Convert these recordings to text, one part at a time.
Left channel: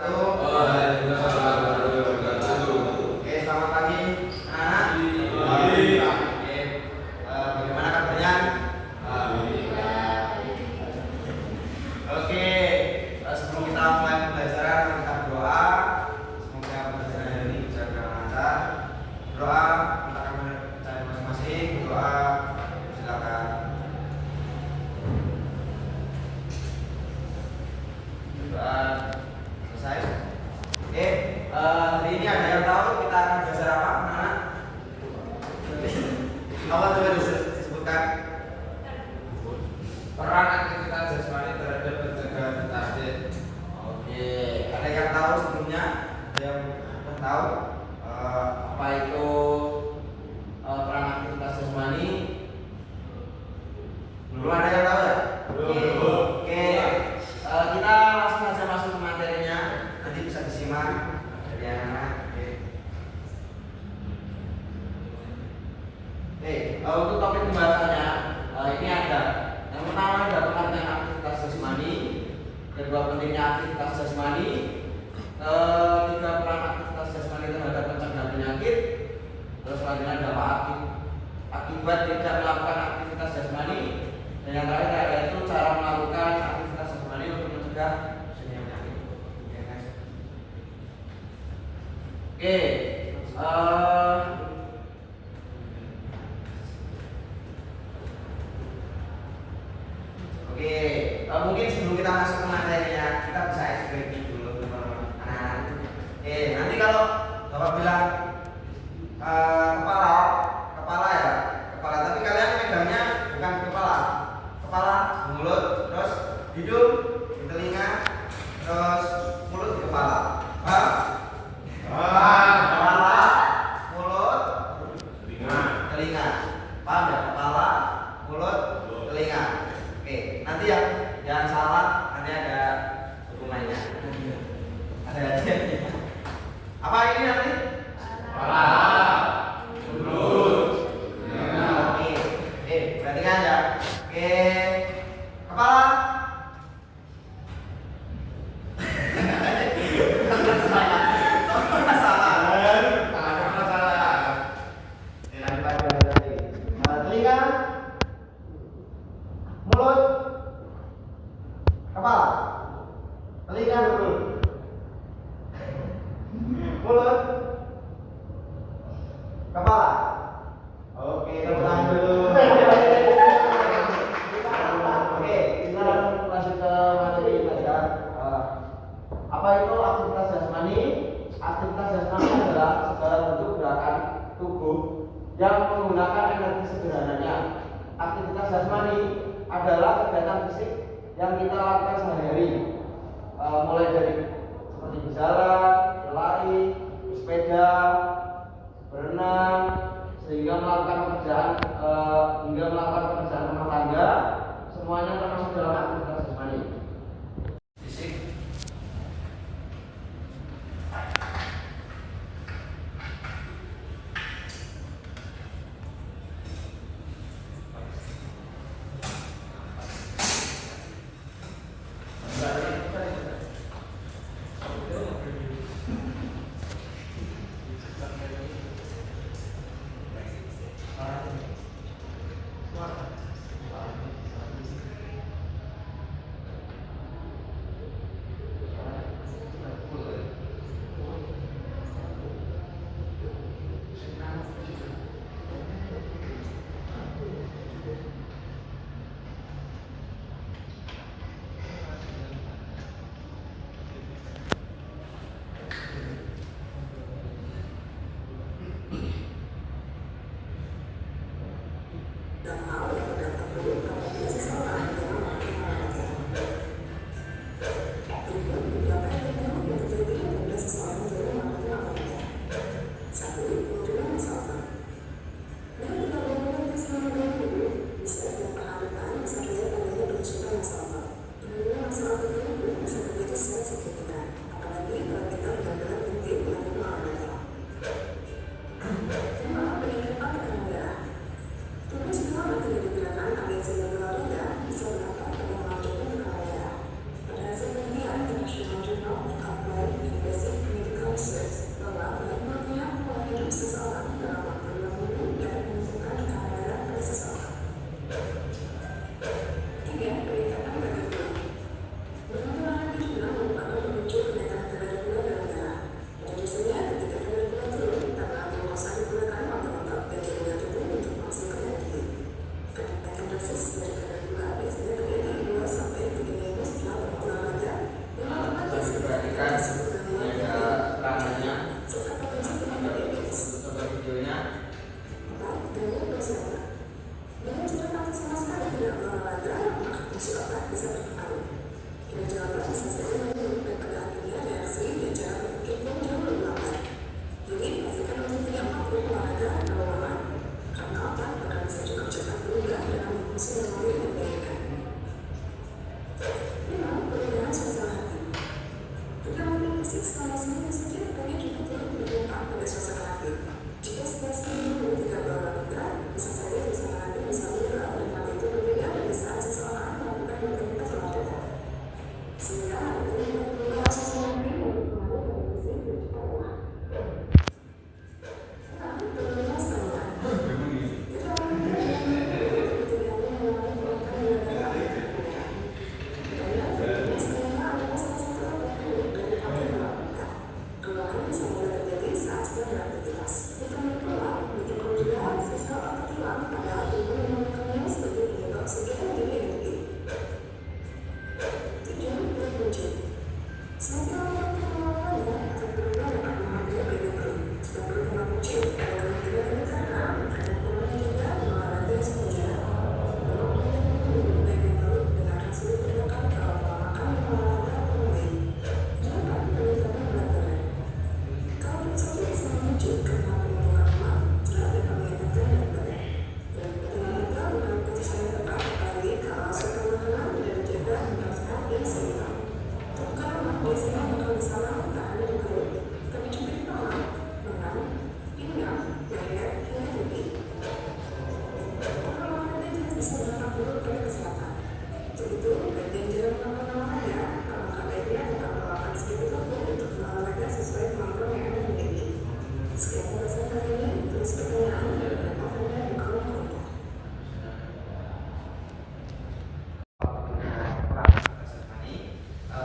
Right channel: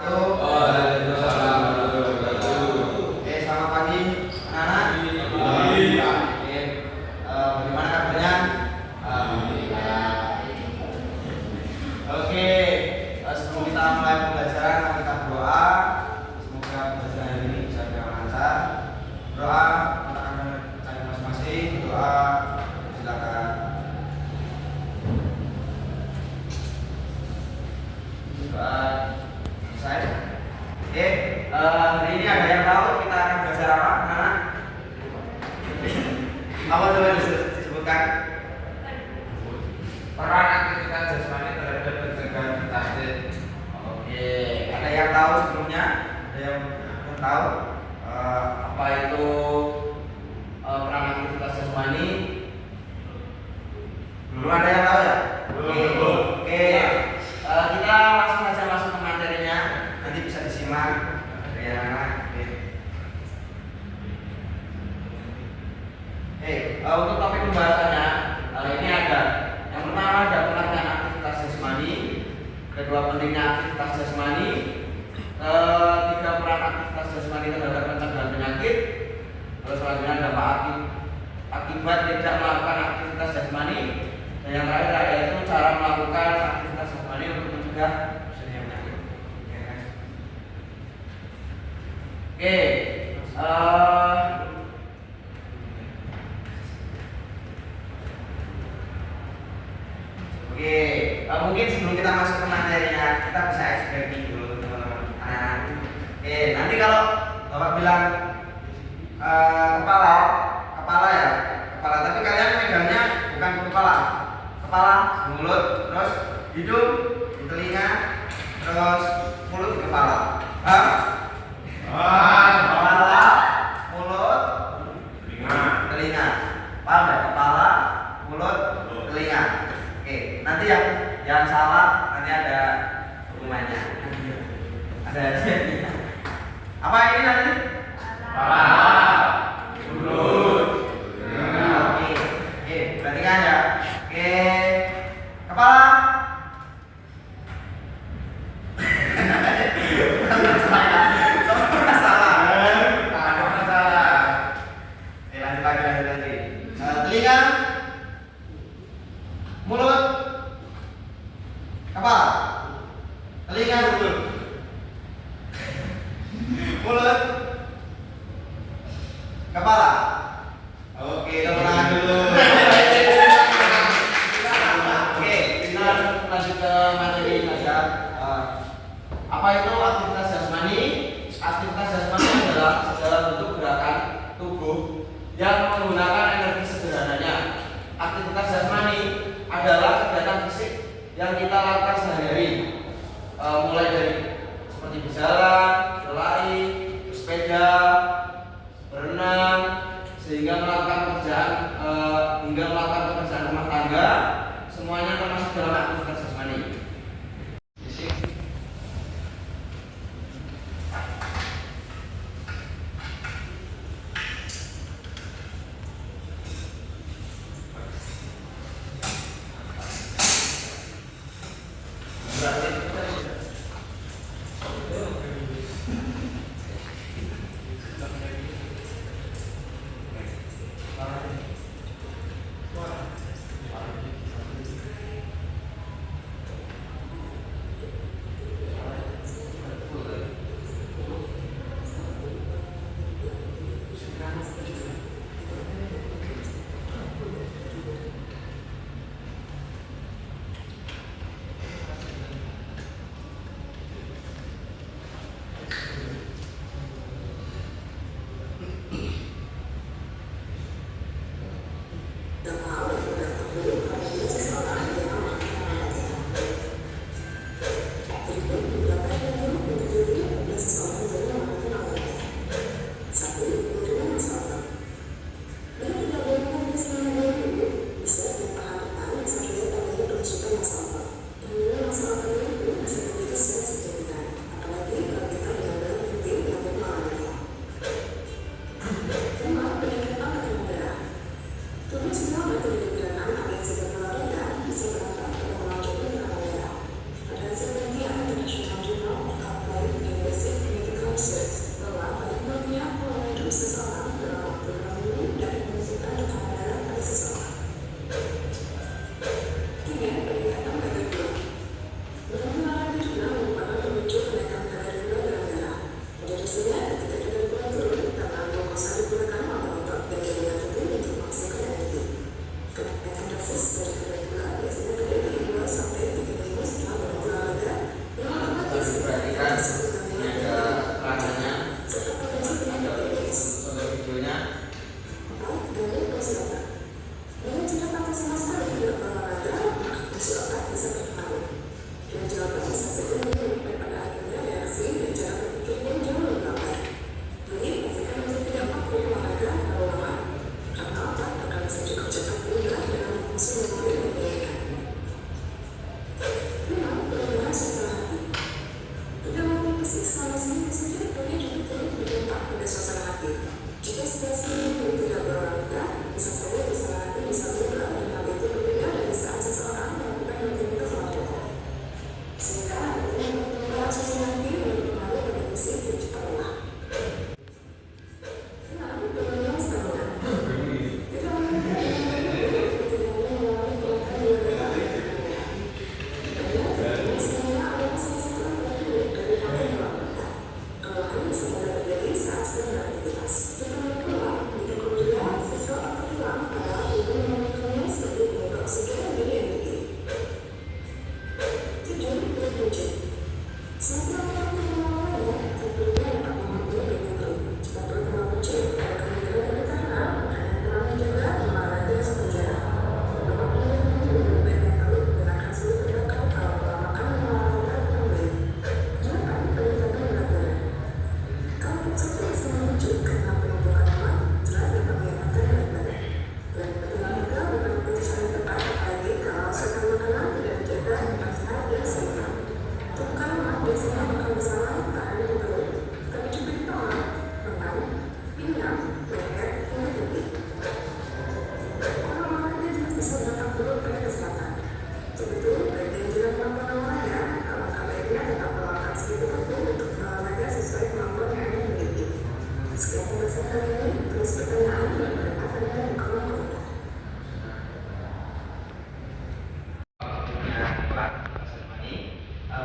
Oke, selamat pagi anak-anak. Bagaimana kabarnya? Oke, sebelum kita mulai pembelajaran, kita berdoa. Semoga pembelajaran hari ini bisa lancar. Berdoa, minta kabar masing-masing. Berdoa, silakan. Berdoa selesai. Oke, hari ini ada yang tahu kita akan belajar apa, anak? Apa coba disebutkan? Peran aktivitas jasmani terhadap pencegahan penyakit. Oke, ada yang tahu sebelumnya? Ada yang tahu apa itu peran aktivitas jasmani? Belum ada yang tahu ya? Oke. Kita langsung saja masuk ke materinya. Nanti bisa disimak dari anak-anak. Untuk topik pembahasannya ini ada yang pertama ada pengertian aktivitas jasmani, kedua pentingnya aktivitas jasmani, ketiga peran aktivitas jasmani terhadap pencegahan penyakit, terus selanjutnya dampak akibat tidak melakukan aktivitas jasmani, dan yang terakhir yaitu cara melakukan aktivitas jasmani untuk mencegah terjadinya penyakit. Oke, mungkin sebelum kita masuk ke materinya, kita bisa explaining dulu teman-teman anak-anak. Nanti kalau Bapak bilang kepala ya, kepala, tapi kalian megangnya bukan kepala, mulut, terus hidung di telinga, terus mulut di kepala. Paham? Kepala, mulut, telinga. Paham ya? Kepala, mulut, telinga. Oke, nanti yang salah nanti ada hukumannya. Ada apa ini nanti? Kepala, mulut, telinga. Oke, perhatikan ya. Oke, kepala. Telinga, mulut, kepala, telinga, mulut, kepala. Oke, tenang dulu. Oke, kita lanjut ke materi saja. Apa itu aktivitas jasmani? Aktivitas jasmani adalah segala bentuk gerakan tubuh yang menggunakan energi sederhananya. Aktivitas jasmani adalah kegiatan fisik yang kita lakukan sehari-hari, mulai dari seperti berjalan, berlari, bersepeda, berenang, sehingga melakukan pekerjaan rumah tangga, semuanya termasuk dalam aktivitas jasmani. Fisik.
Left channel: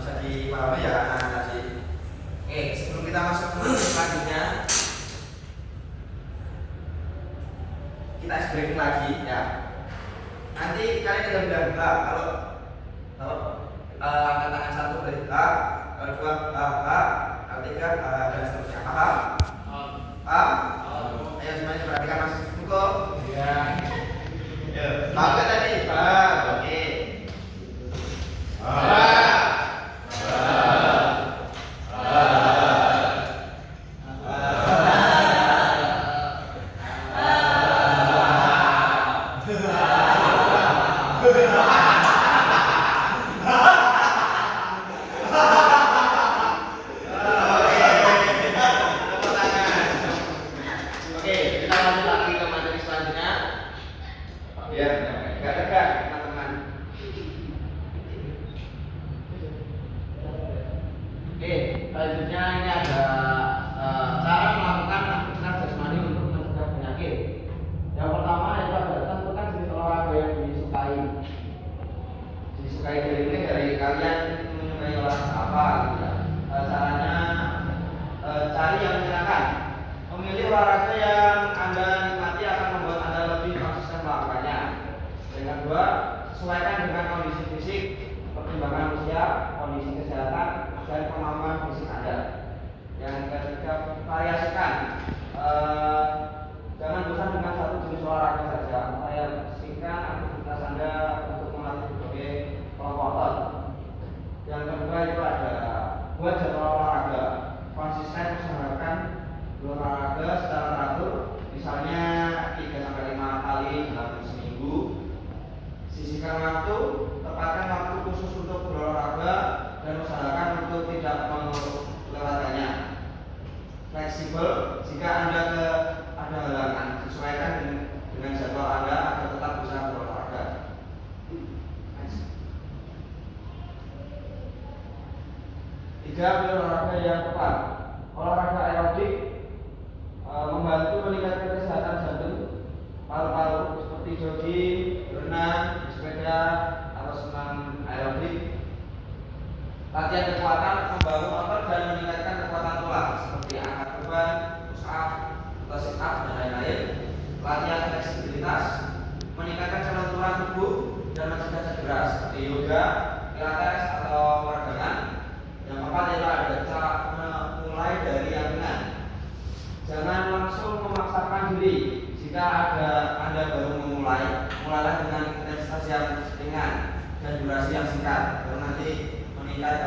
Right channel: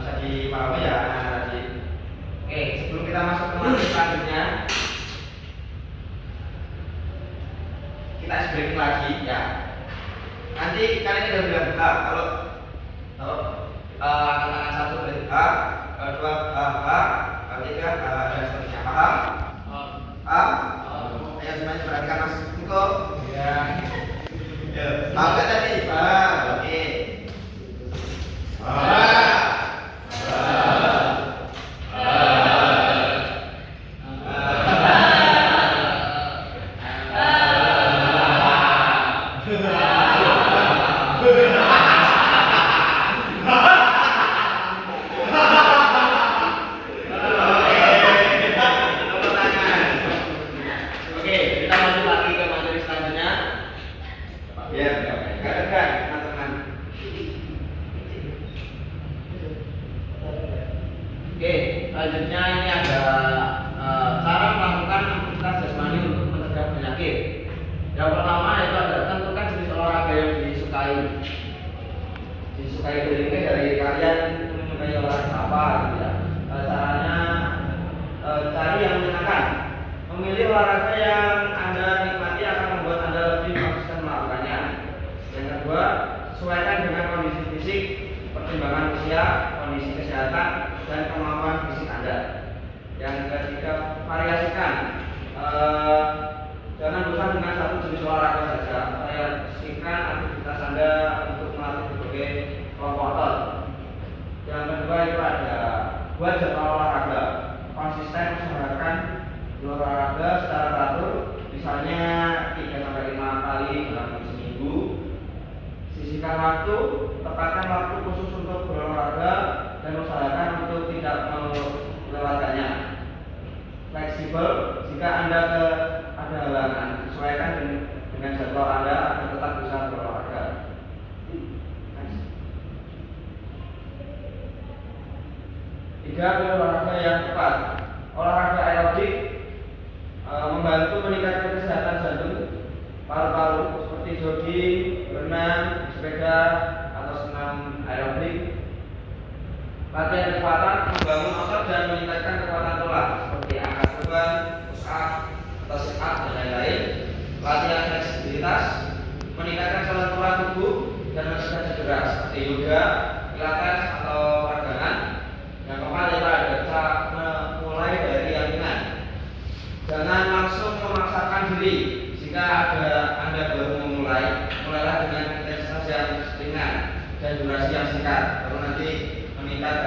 Bisa dipahami ya anak-anak tadi. Oke, sebelum kita masuk ke materi selanjutnya, kita break lagi ya. Nanti kalian tinggal bilang H kalau angkat tangan satu berarti H, dua H, tiga dan seterusnya. Paham? Ayo semuanya perhatikan Mas Kuko. Ya. Tahu kan tadi? Oke. Selanjutnya ini ada cara melakukan aktivitas jasmani untuk mencegah penyakit. Yang pertama itu ada tentukan jenis olahraga yang disukai. Disukai ini dari kalian menyukai olahraga apa gitu ya. Caranya cari yang menyenangkan. Memilih olahraga yang Anda nikmati akan membuat Anda lebih konsisten melakukannya. Yang kedua, sesuaikan dengan kondisi fisik, pertimbangan usia, kondisi kesehatan, dan kemampuan fisik Anda. Yang ketiga, variasikan. Jangan bosan dengan satu jenis olahraga saja. Variasikan aktivitas Anda untuk melatih berbagai kelompok otot. Yang kedua itu ada buat jadwal olahraga. Konsisten usahakan berolahraga secara teratur, misalnya 3-5 kali dalam seminggu. Sisihkan waktu, tepatkan waktu khusus untuk berolahraga dan usahakan untuk tidak melewatkannya. Fleksibel, jika Anda ada halangan, sesuaikan dengan jadwal Anda agar tetap bisa berolahraga. Tiga, olahraga yang tepat. Olahraga aerobik membantu meningkatkan kesehatan jantung, paru-paru seperti jogging, berenang, sepeda, atau senam aerobik. Latihan kekuatan membangun otot dan meningkatkan kekuatan tulang seperti angkat beban, push up, atau sit up dan lain-lain. Latihan fleksibilitas meningkatkan kelenturan tubuh dan mencegah cedera seperti yoga, pilates atau peregangan. Yang keempat adalah mulai dari yang ringan. Jangan langsung memaksakan diri. Jika Anda baru memulai, mulailah dengan intensitas yang ringan dan durasi yang singkat, baru nanti meningkat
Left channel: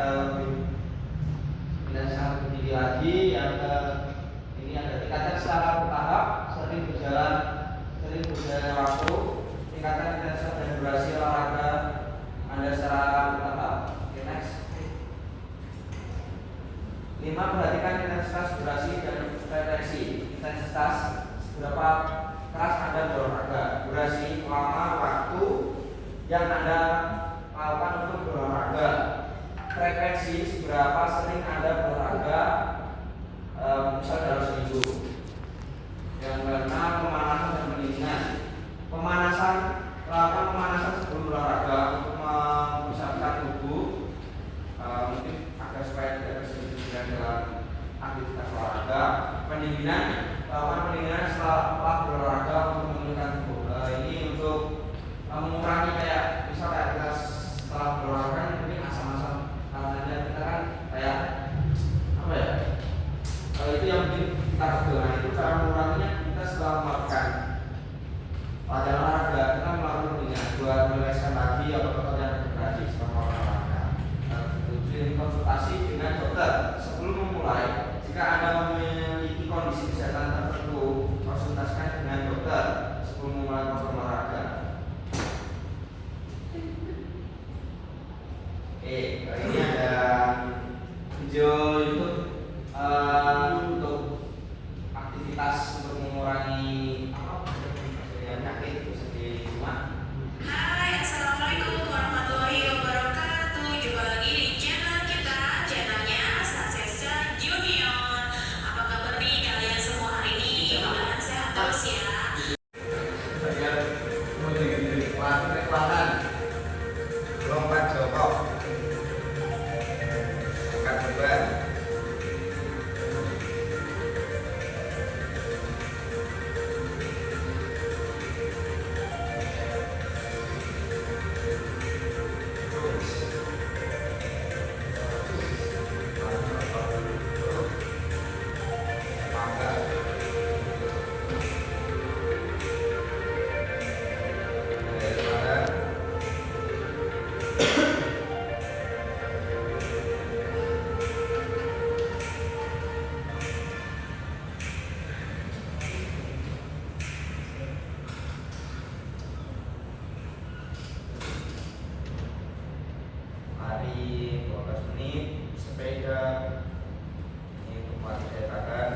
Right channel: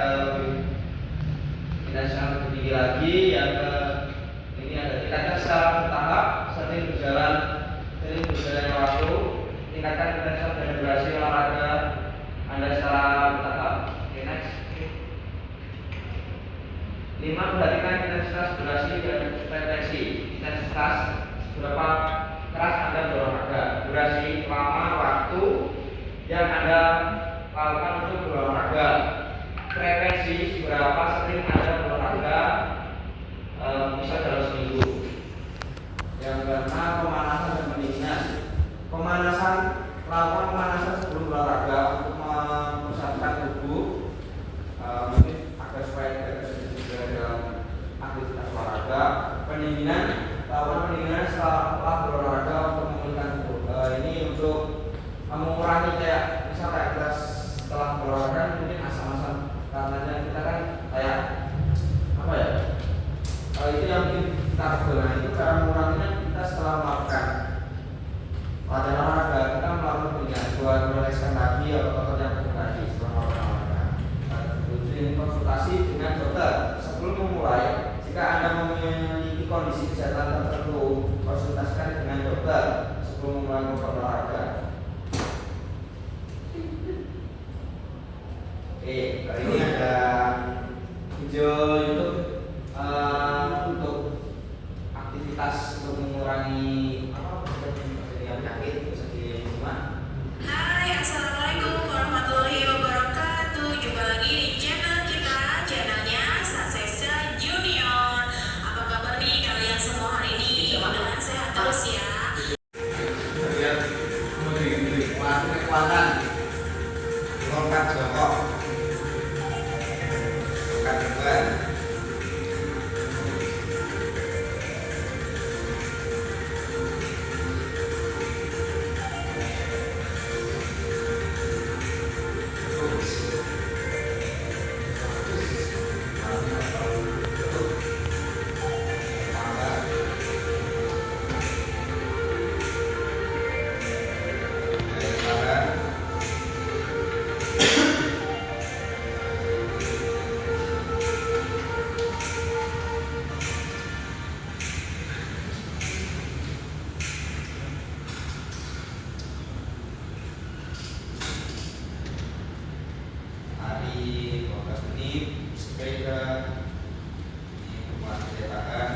lagi yang ini ada tingkatkan secara bertahap, sering berjalannya waktu, tingkatkan intensitas dan durasi olahraga Anda secara bertahap. Oke, next. 5. Perhatikan intensitas, durasi, dan frekuensi. Intensitas, seberapa keras Anda berolahraga. Durasi, lama waktu yang Anda lakukan untuk berolahraga. Frekuensi, seberapa sering Anda berolahraga, misal dalam seminggu. Yang pertama, pemanasan dan pendinginan. Pemanasan, lakukan pemanasan sebelum berolahraga untuk mempersiapkan tubuh, mungkin agar supaya tidak terjadi dalam aktivitas olahraga. Pendinginan, lakukan pendinginan setelah berolahraga untuk memulihkan tubuh. Ini untuk mengurangi kayak misal kayak kelas setelah berolahraga mungkin asam-asam karena kita kan kayak apa ya? Itu yang mungkin kita pegel. Nah, itu cara menguranginya kita setelah melakukan latihan olahraga kita melakukan pendinginan buat merilekskan lagi atau ototnya bergerak setelah melakukan olahraga. Rutin konsultasi dengan dokter sebelum memulai. Jika Anda memiliki kondisi kesehatan tertentu, konsultasikan dengan dokter sebelum memulai olahraga. Kali ini ada video YouTube untuk aktivitas untuk mengurangi penyakit seperti semua. Hai, assalamualaikum warahmatullahi wabarakatuh. Jumpa lagi di channel kita, channelnya Sasesa Junior. Apa kabar nih kalian semua hari ini? Mudah-mudahan sehat terus ya. Kekuatan lompat jongkok, angkat beban, hari 12 menit sepeda, ini kekuatan daya tahan.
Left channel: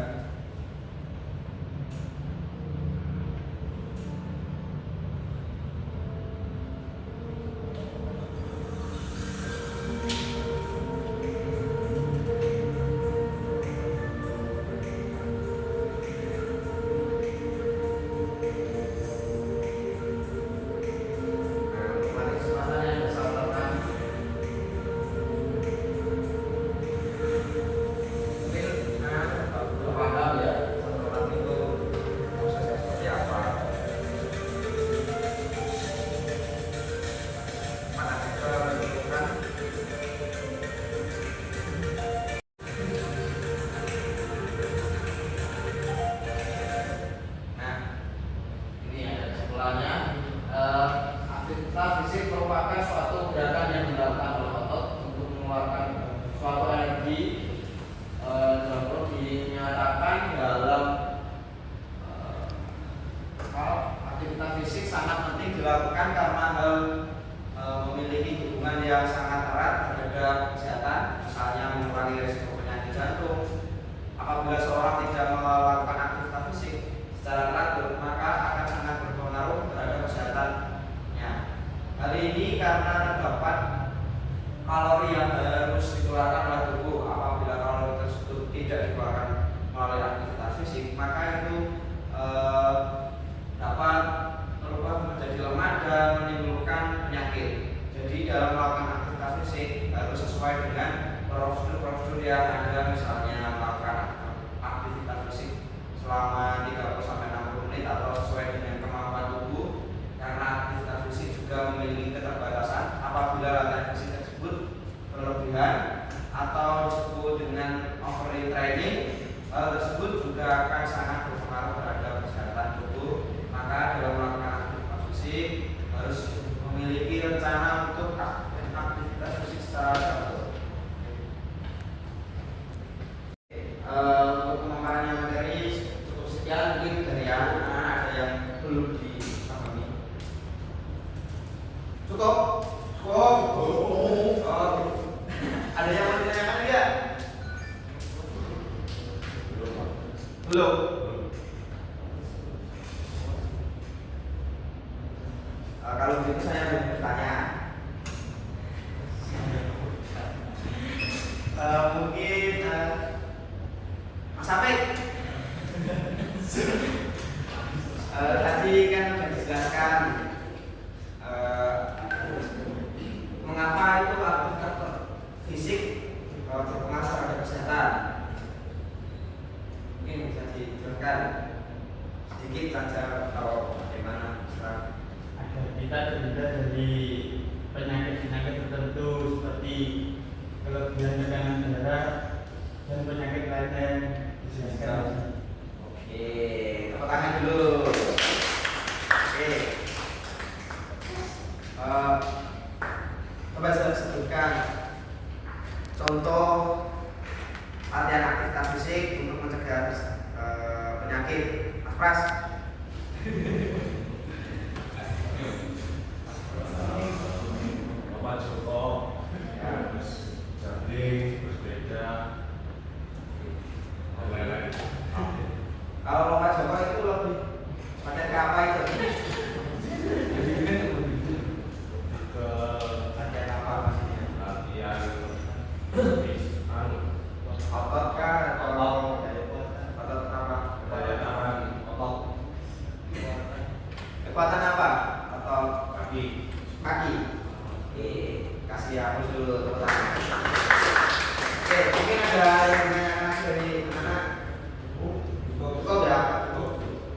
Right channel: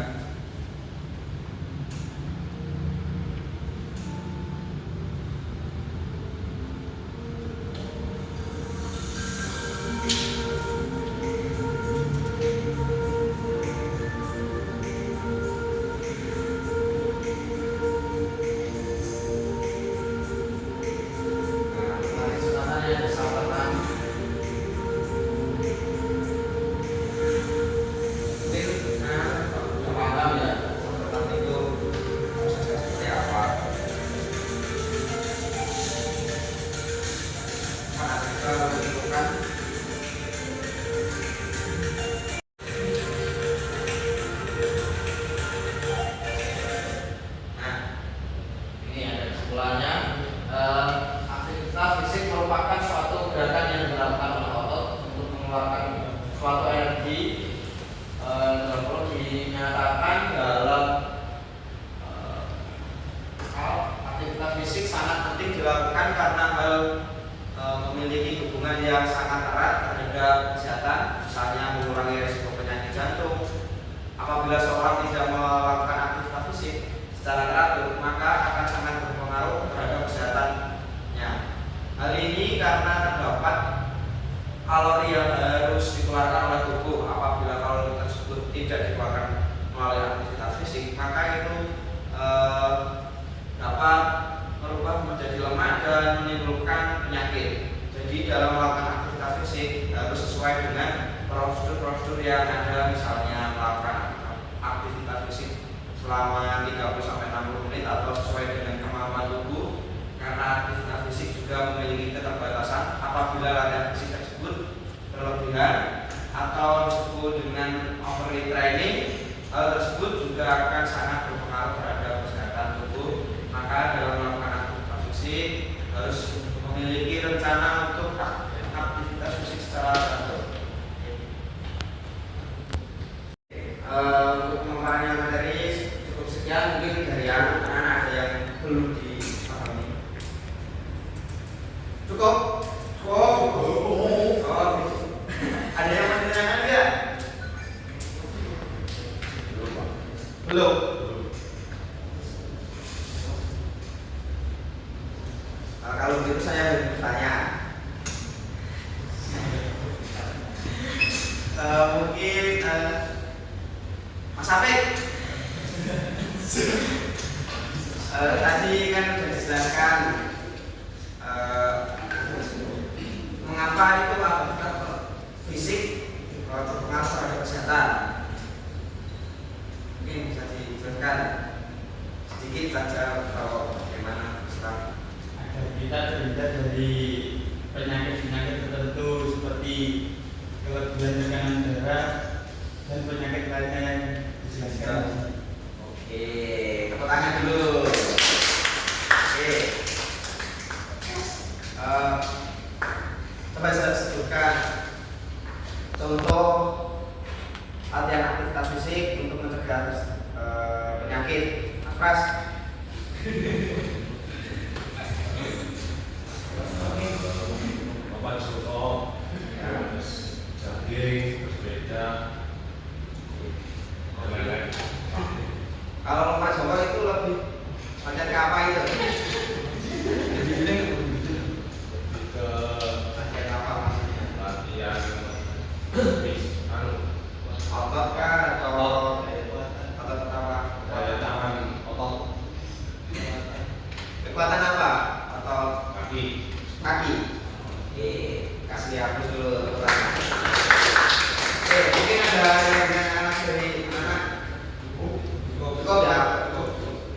Aktivitas fisik merupakan suatu gerakan yang dilakukan oleh otot untuk mengeluarkan suatu energi yang perlu dinyatakan dalam aktivitas fisik sangat penting dilakukan karena hal memiliki hubungan yang sangat erat terhadap kesehatan, misalnya mengurangi risiko penyakit jantung. Apabila seorang tidak melakukan aktivitas fisik secara teratur, maka akan sangat berpengaruh terhadap kesehatannya. Hal ini karena terdapat kalori yang harus dikeluarkan oleh tubuh. Apabila kalori tersebut tidak dikeluarkan melalui aktivitas fisik, maka itu dapat berubah menjadi lemah dan menimbulkan penyakit. Jadi dalam melakukan aktivitas fisik harus sesuai dengan prosedur-prosedur yang ada, misalnya melakukan aktivitas fisik selama 30-60 menit atau sesuai dengan kemampuan tubuh. Karena aktivitas fisik juga memiliki keterbatasan, apabila latihan fisik tersebut berlebihan atau disebut dengan overtraining, hal tersebut juga akan sangat berpengaruh terhadap kesehatan tubuh. Maka dalam melakukan aktivitas fisik harus memiliki rencana untuk aktivitas fisik secara teratur. Belum. Kalau begitu saya bertanya. Mungkin Mas Apik. Tadi kan sudah dijelaskan mengapa itu aktivitas fisik berpengaruh terhadap kesehatan. Mungkin bisa dijelaskan sedikit saja kalau bagaimana sekarang. Agar kita terhindar dari penyakit-penyakit tertentu seperti kelebihan tekanan darah dan penyakit lainnya yang dijelaskan. Oke, tepuk tangan dulu. Oke. Coba saya sebutkan contoh latihan aktivitas fisik untuk mencegah penyakit. Mas Pras. Papan soto, jogging, bersepeda, dan lain-lain. Kalau lompat jongkok itu lebih latihan ke apa itu? Ke Latihan apa maksudnya? latihan Otot kah atau otot apa? daya tahan otot Kekuatan apa? Atau kaki. kaki? Oke, kasih aku dulu tepuk tangan. Oke, mungkin ada yang anak dari mana? Cukup ya?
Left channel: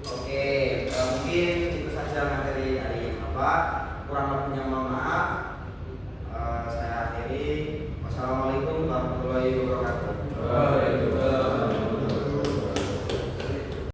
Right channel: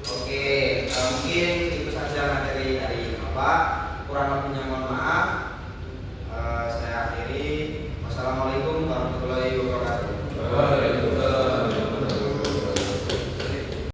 Oke, mungkin itu saja materi dari Bapak. Kurang lebihnya mohon maaf. Saya akhiri. Wassalamualaikum warahmatullahi wabarakatuh.